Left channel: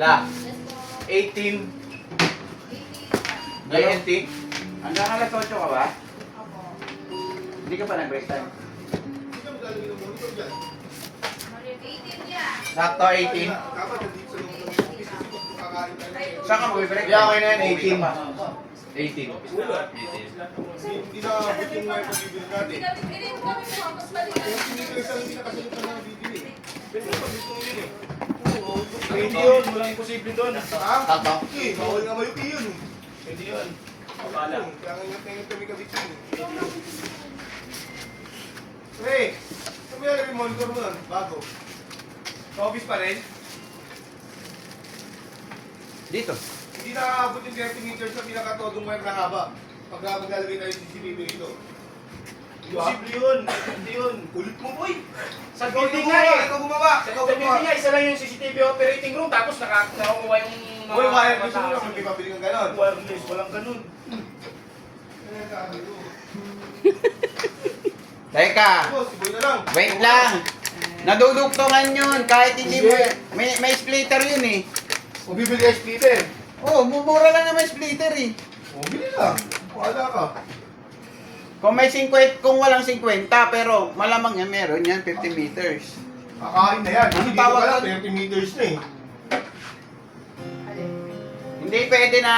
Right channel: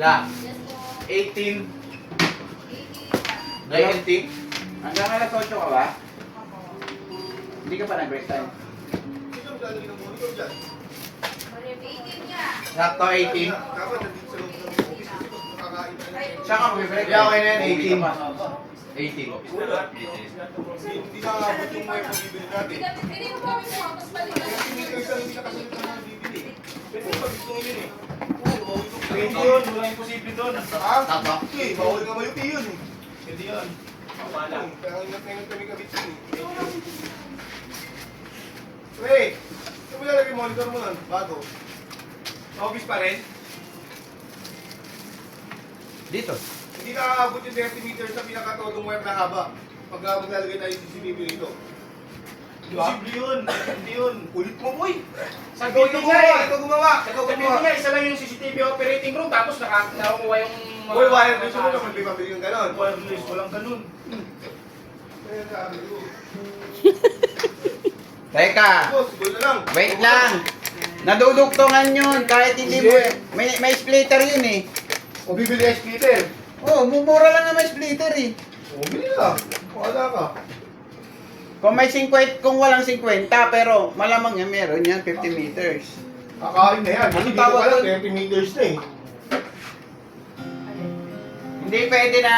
La. 18. JLT. Hanggang alas 8 ka ba? Hindi ka pa nag-break time. Sakto 18. Saan ka mag-break? Yeah, okay na yan, 18. 18. Hindi na abot yung mga pag-ibig natin. Hindi ko isang nakasunod na mga bibili. Pero pag-ibig yun eh. Hindi yun, walang imposible doon. Sakto. Okay, bawal nga mayupi yun eh. Hindi yun. Wala. Kaya ingat-ingat kami kabit yun. Hey! Saan mo nalagay monitor mo nun? Bago. Sa office pa rin? Dito. Hindi nakakabot yung 30 meters sa pinakatodong wire na haba. Pag maglalagay tayo ng CCTV rito. Imposible yun. Hindi yun. Kulit mo, boy. Sa building nga eh. Ito gumawa. Sa building nga, isa lang yung CCTV operating room, tapos nakuha yung mga... Boy, wire gusto mo naman. May pabili kang ganon. Wireless, walang ganun. Teka. Boy na lang. Wait lang. Nadudugtungan yun kahit hindi mo... May splitter yun eh. O bibili ka splitter. Oh, mumura lang na may splitter eh. O bili lang. Wala ka. Kung may 50, kung walang 50, pero malamang yan meron yan, 50 meters. Kakain na yan. Ano Hindi tawag ko alam, doon? 30 meters na eh. Hindi pwede na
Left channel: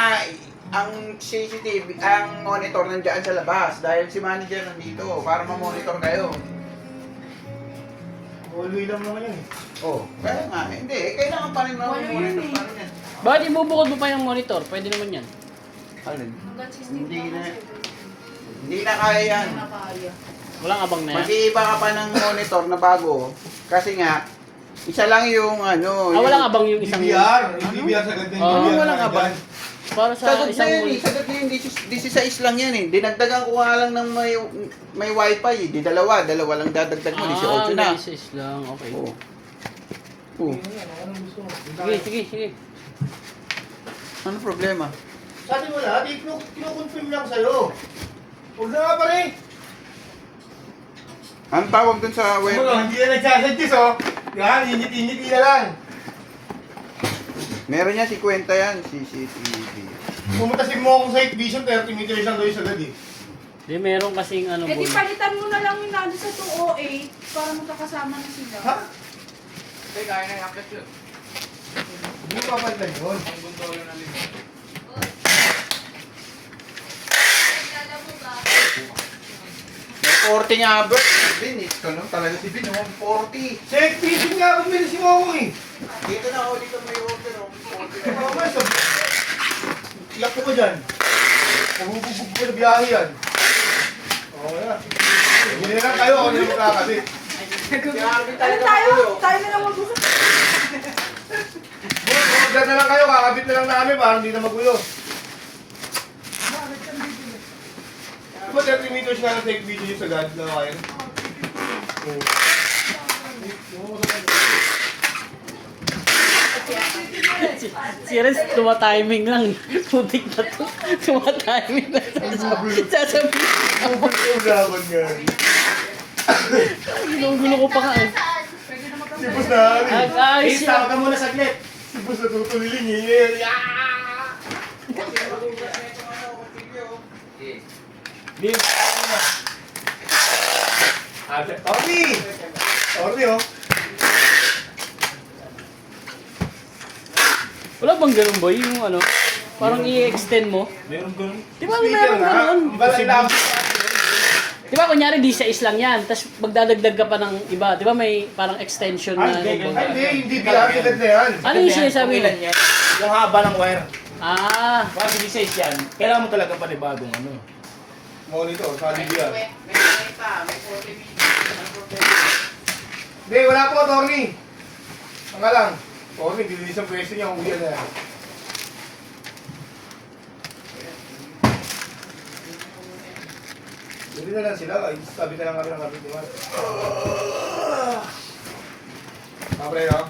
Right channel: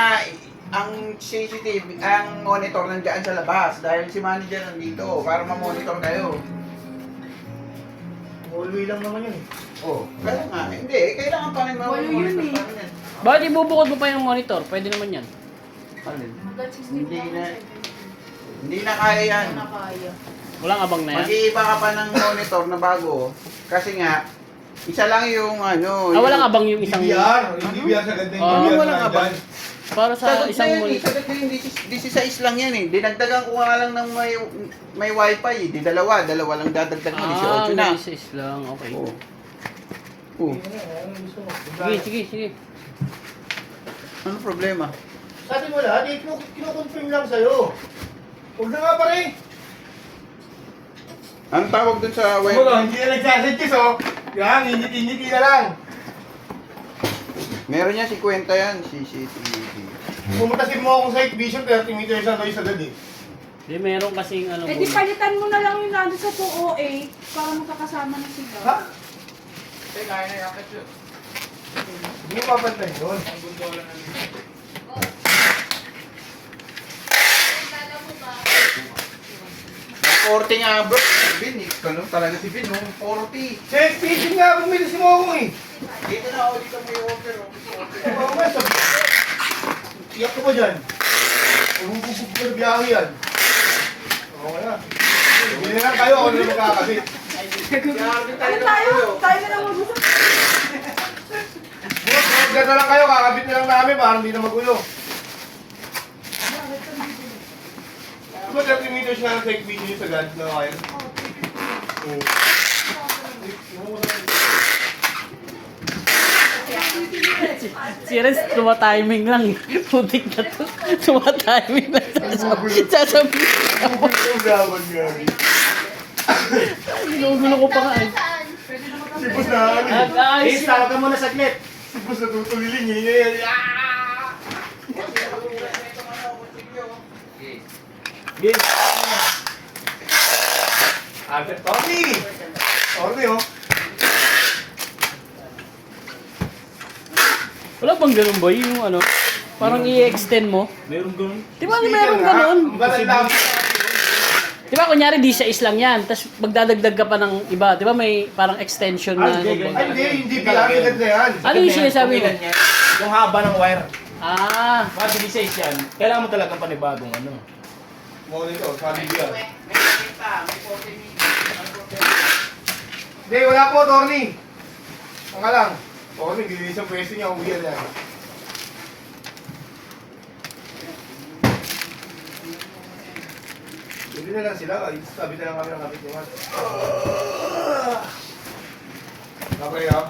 ang CCTV, ang monitor nandiyan sa labas dahil si manager nandito para ma-monitor kayo. Hallway lang naman yun eh. Oh, kaya nga, hindi, kailangan pa rin ma-monitor pa rin yan. Bakit ibubukod mo pa yung monitor? Pwede naman yan. Ano? Hindi na kaya yan. Walang abang na yan. Mag-iiba ka pa ng monitor na bago kasi nga, isa lang yung ano. Walang abang yung isang... DVR. Yung DVR sa ganda yung Oo, DVR. walang na abang. nandyan. Para sa Sagot na isang yun eh, monitor. sagot na yun, 16 lang yan eh. Dinagdagan ko nga lang ng may wifi eh. Di dalawa lang dadagdag mo, 18 na. Basis lang, okay. Oo. Oo. Anong gusto mo? Sige. Ano problema? Sa atin wala, di kinukonfirm lang sa'yo. Huwag na nga pare. Anong tawag dun sa web? Hindi yan nagsasadjis oh. Yan, init-init na lang. Meron yan, 50 yan, CCTV. Pumunta si mo akong site vision, 30 meters lang daw yung sagad eh. Di meron kasing ano Eh di palitan mo na lang yung nando sa 208 para magkakasama na sila. Ha? Hindi, kaya na yakit yun. Hindi mo papalitan yun. Ang gundo lang namin. May 40 nga bro. Bin, ano talaga si Bin, 40. Check vision nga, bumili si mo ako eh. Dito na ako, dito may order. Mamaya sabi. Iyak ko ba dyan? Pagbubugbog ko na biyahe yan. Oo nga. Hindi na lang kayo, ako na lang magkakabit. Ano tayo? Tayo na lang mag-usap. Mag-order na lang kayo, kakabit na lang namin para hindi na magulo. Diba 30 meters nga lang take video sa God na kayo? Serious, tuma-timing lang. Putik na to. Tuma-timing lang. Sasabihin. Gawin nga. Ginugulo ko pa nga eh. Si Boss na ano eh. Ayos yan. Tawagan mo na saglit. Si Boss na tutuliling eh. Bin. Tony! Tony oh. Wala bang ganun boy? Yung ano? Parang i-extend mo. Meron ganun. Di ba meron ganun? Balay lang. Di ba kunyari di sa islang yan, tapos magdadagdag ka pa ng iba. Di ba may parang extension na... Hindi pinakagad na yan. Ano yung sinasabi mo? Yung haba ng wire. Ah, Bago size yan, kailangan mo talaga panibagong ano. Monitor, solid yan. May 40 meters. Hindi, wala po, Tony. Ang nga lang. Tony, bilis ang pwesto niya, uwi yan. Hindi na lang sila, ay sabi na lang kami ng kapit niya. Kapre, oh.